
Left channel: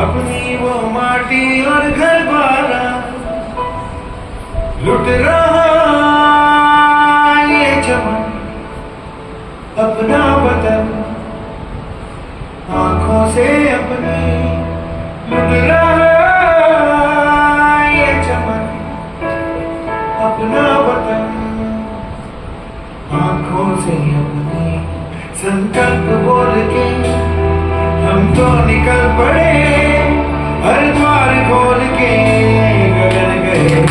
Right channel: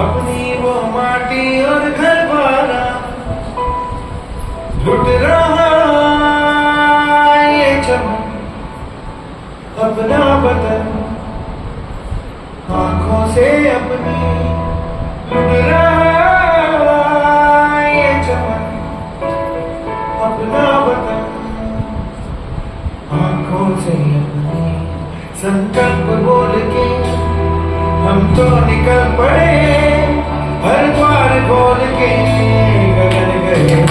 अपनी वो माटी और घर वाला लुट रहा ये चमन, अपना बदन आंखों से अपनी लुट रहा ये चमन, अपना बदन आंखों से अपनी। संकल्प बोल के हम तो निकल पड़े, हर द्वार खोल के गगन गए।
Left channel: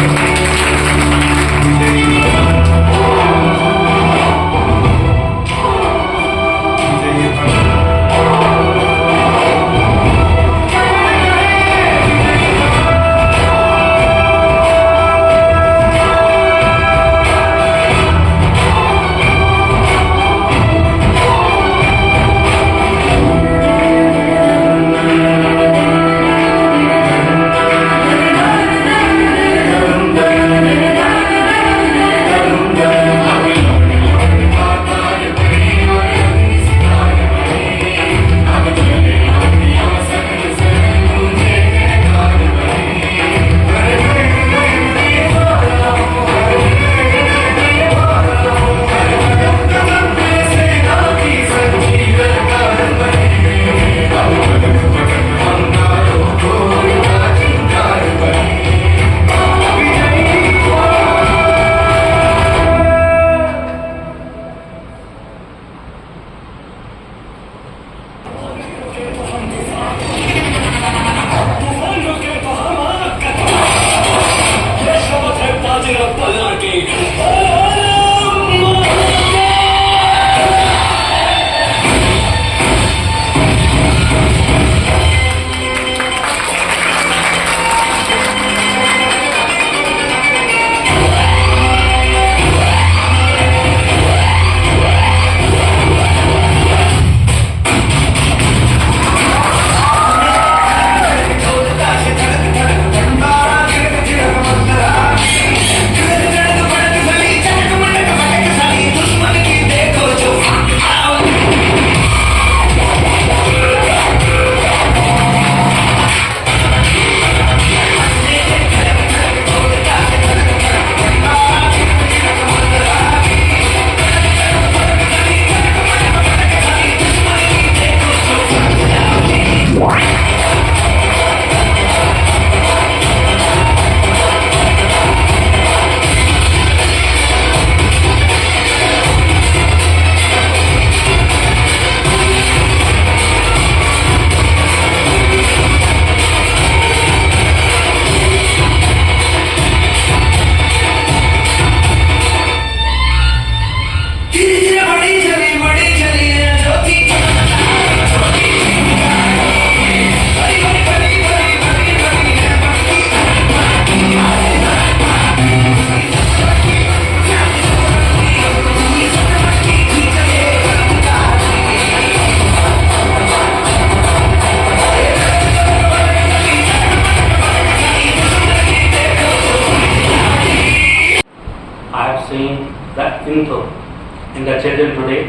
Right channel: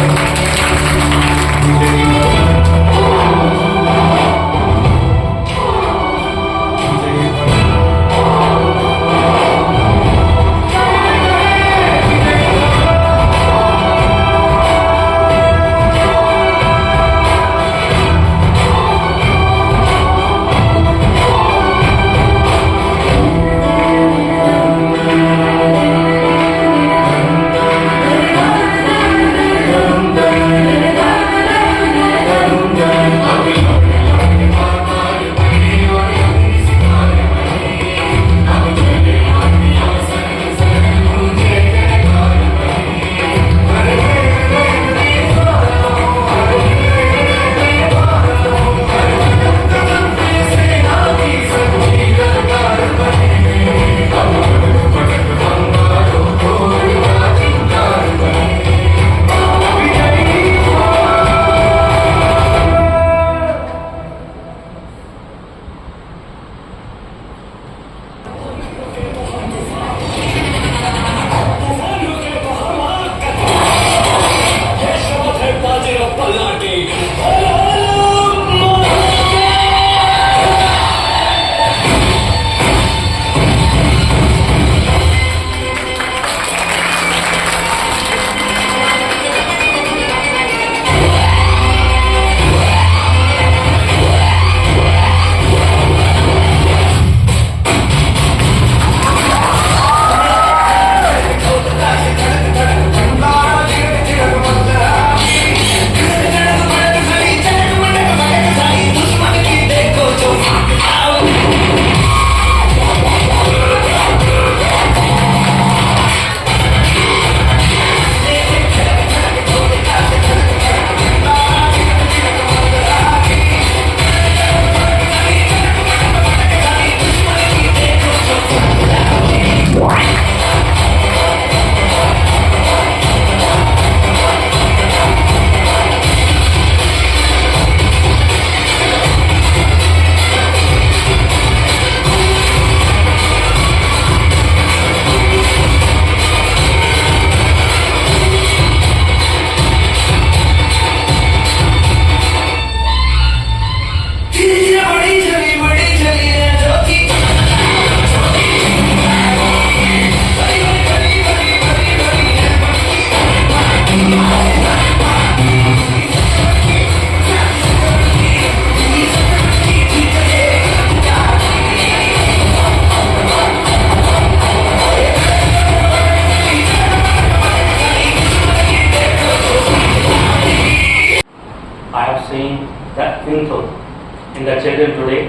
in the children today,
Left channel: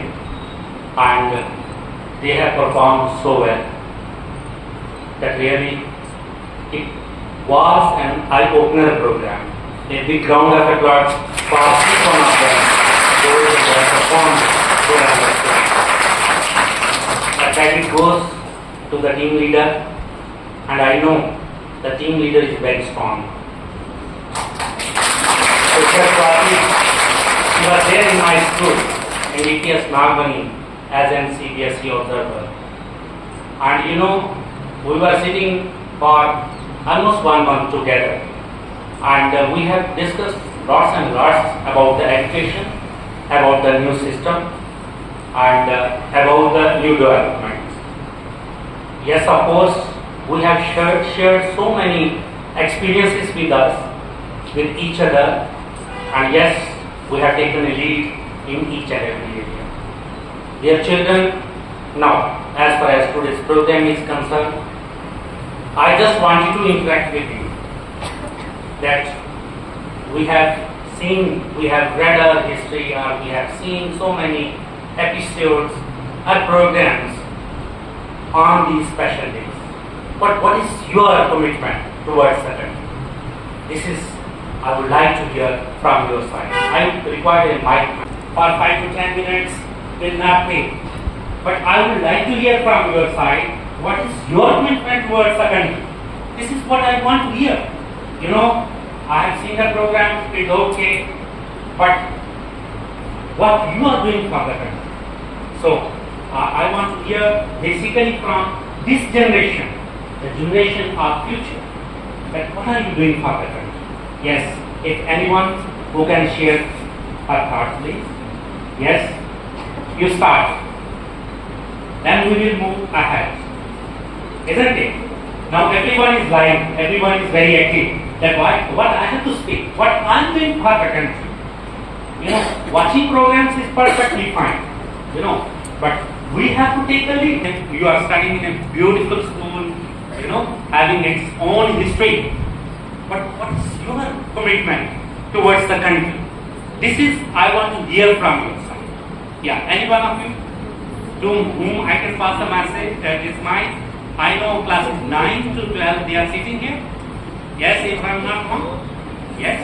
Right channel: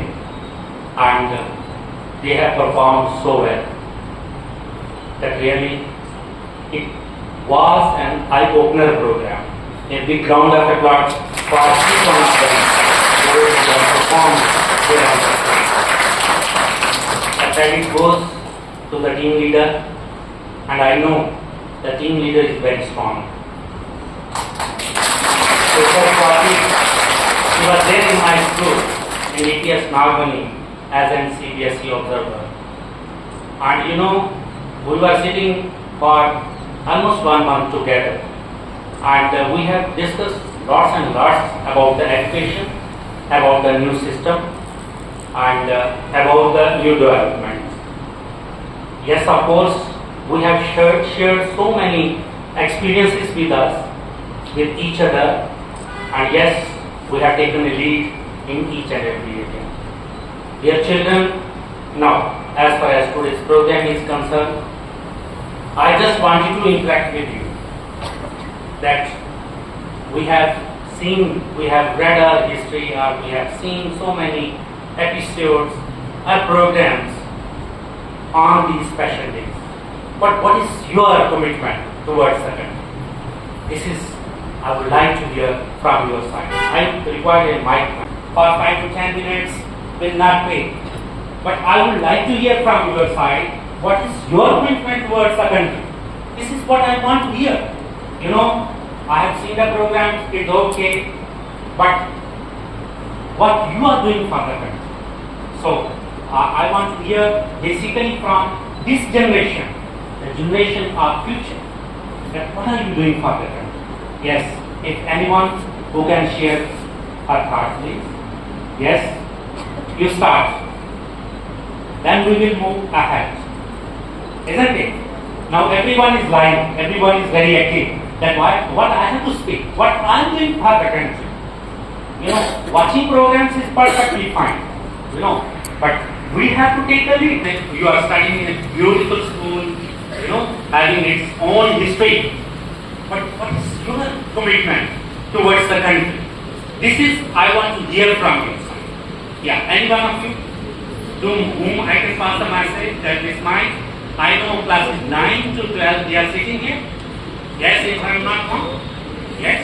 and they have performed so well that really it was an eye-opener program. A big round of applause for each one of them. Those who have performed so well. The credit goes to the team leader, and I know the team leader is very strong. She was there in my school in ETS Nagmani as an CBSE observer. And you know, we were sitting for almost 1 month together. And we have discussed lots and lots about the education, about the new system, and about the new developments. Yes, of course, we have shared so many experiences with us, with each other, and yes, we have taken a lead in each and every area. Dear children, now, as far as today's program is concerned, I just wanted to interact with you that we have read our history, or we have seen so many episodes or programs on these special days? What is your commitment towards the country? This is, I would like to hear from your side. I require a mic for 5 to 10 minutes, will not pay. But I would like to hear from your side, what is your commitment towards the country? This is what I want to hear. You know, I have seen the program, it's okay, but what you are doing for the country. So, I want to hear basically from this generation, the generation of future, that what are you doing for the country? Yes, if anyone who can share her thoughts, please. Yes, you start. Then we will move ahead. Isn't it? Now everyone is lying, everyone is very active. That what I have to speak, what I am doing for the country. You know, watching programs is perfectly fine. You know, but we have to take a lead. You are studying in a beautiful school, you know, having its own history. But what is your commitment towards the country? This is, I want to hear from you. Yeah, any one of you to whom I can pass the message that is mine. I know classes 9 to 12, they are sitting here. Yes, if I am not wrong. Yes.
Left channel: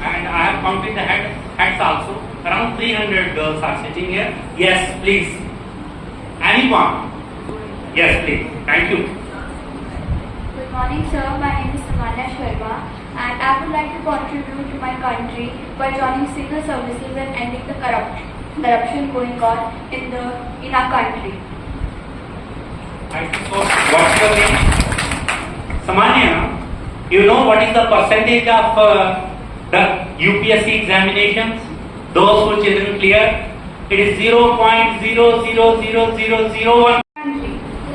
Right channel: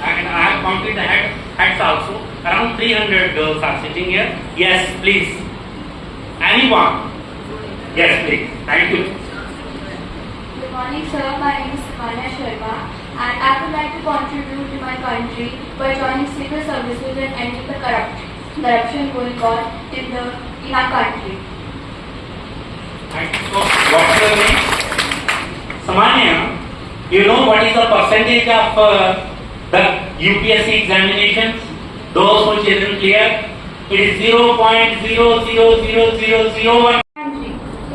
And I have counted the heads also. Around 300 girls are sitting here. Yes, please. Anyone? Yes, please. Thank you. Good morning, sir. My name is Sumana Sharma, and I would like to contribute to my country by joining civil services and ending the corruption going on in our country. Thank you so much. What's your name? Samanya, you know what is the percentage of the UPSC examinations? Those who didn't clear, it is 0.0000001.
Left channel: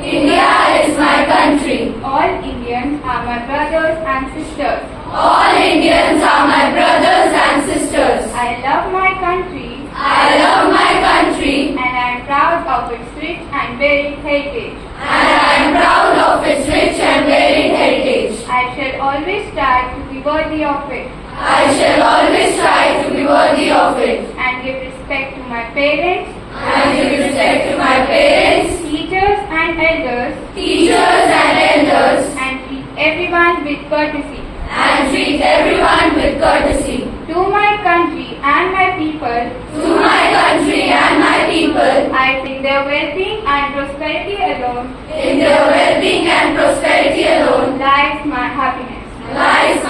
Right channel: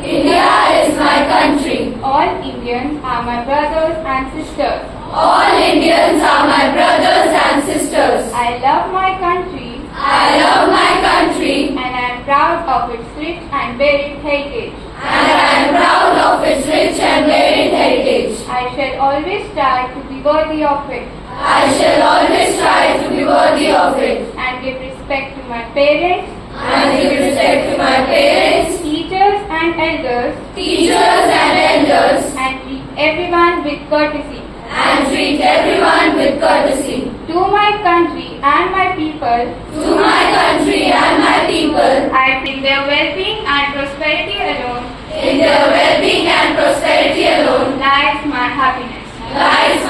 India is my country. All Indians are my brothers and sisters. All Indians are my brothers and sisters. I love my country. I love my country. And I am proud of its rich and varied heritage. And I am proud of its rich and varied heritage. I shall always try to be worthy of it. I shall always try to be worthy of it. And give respect to my parents. And give respect to my parents, Teachers and elders. teachers and elders. And treat everyone with courtesy. And treat everyone with courtesy. To my country and my people. To my country and my people. I bring their well-being and prosperity alone. In their well-being and prosperity alone Lies my happiness. lies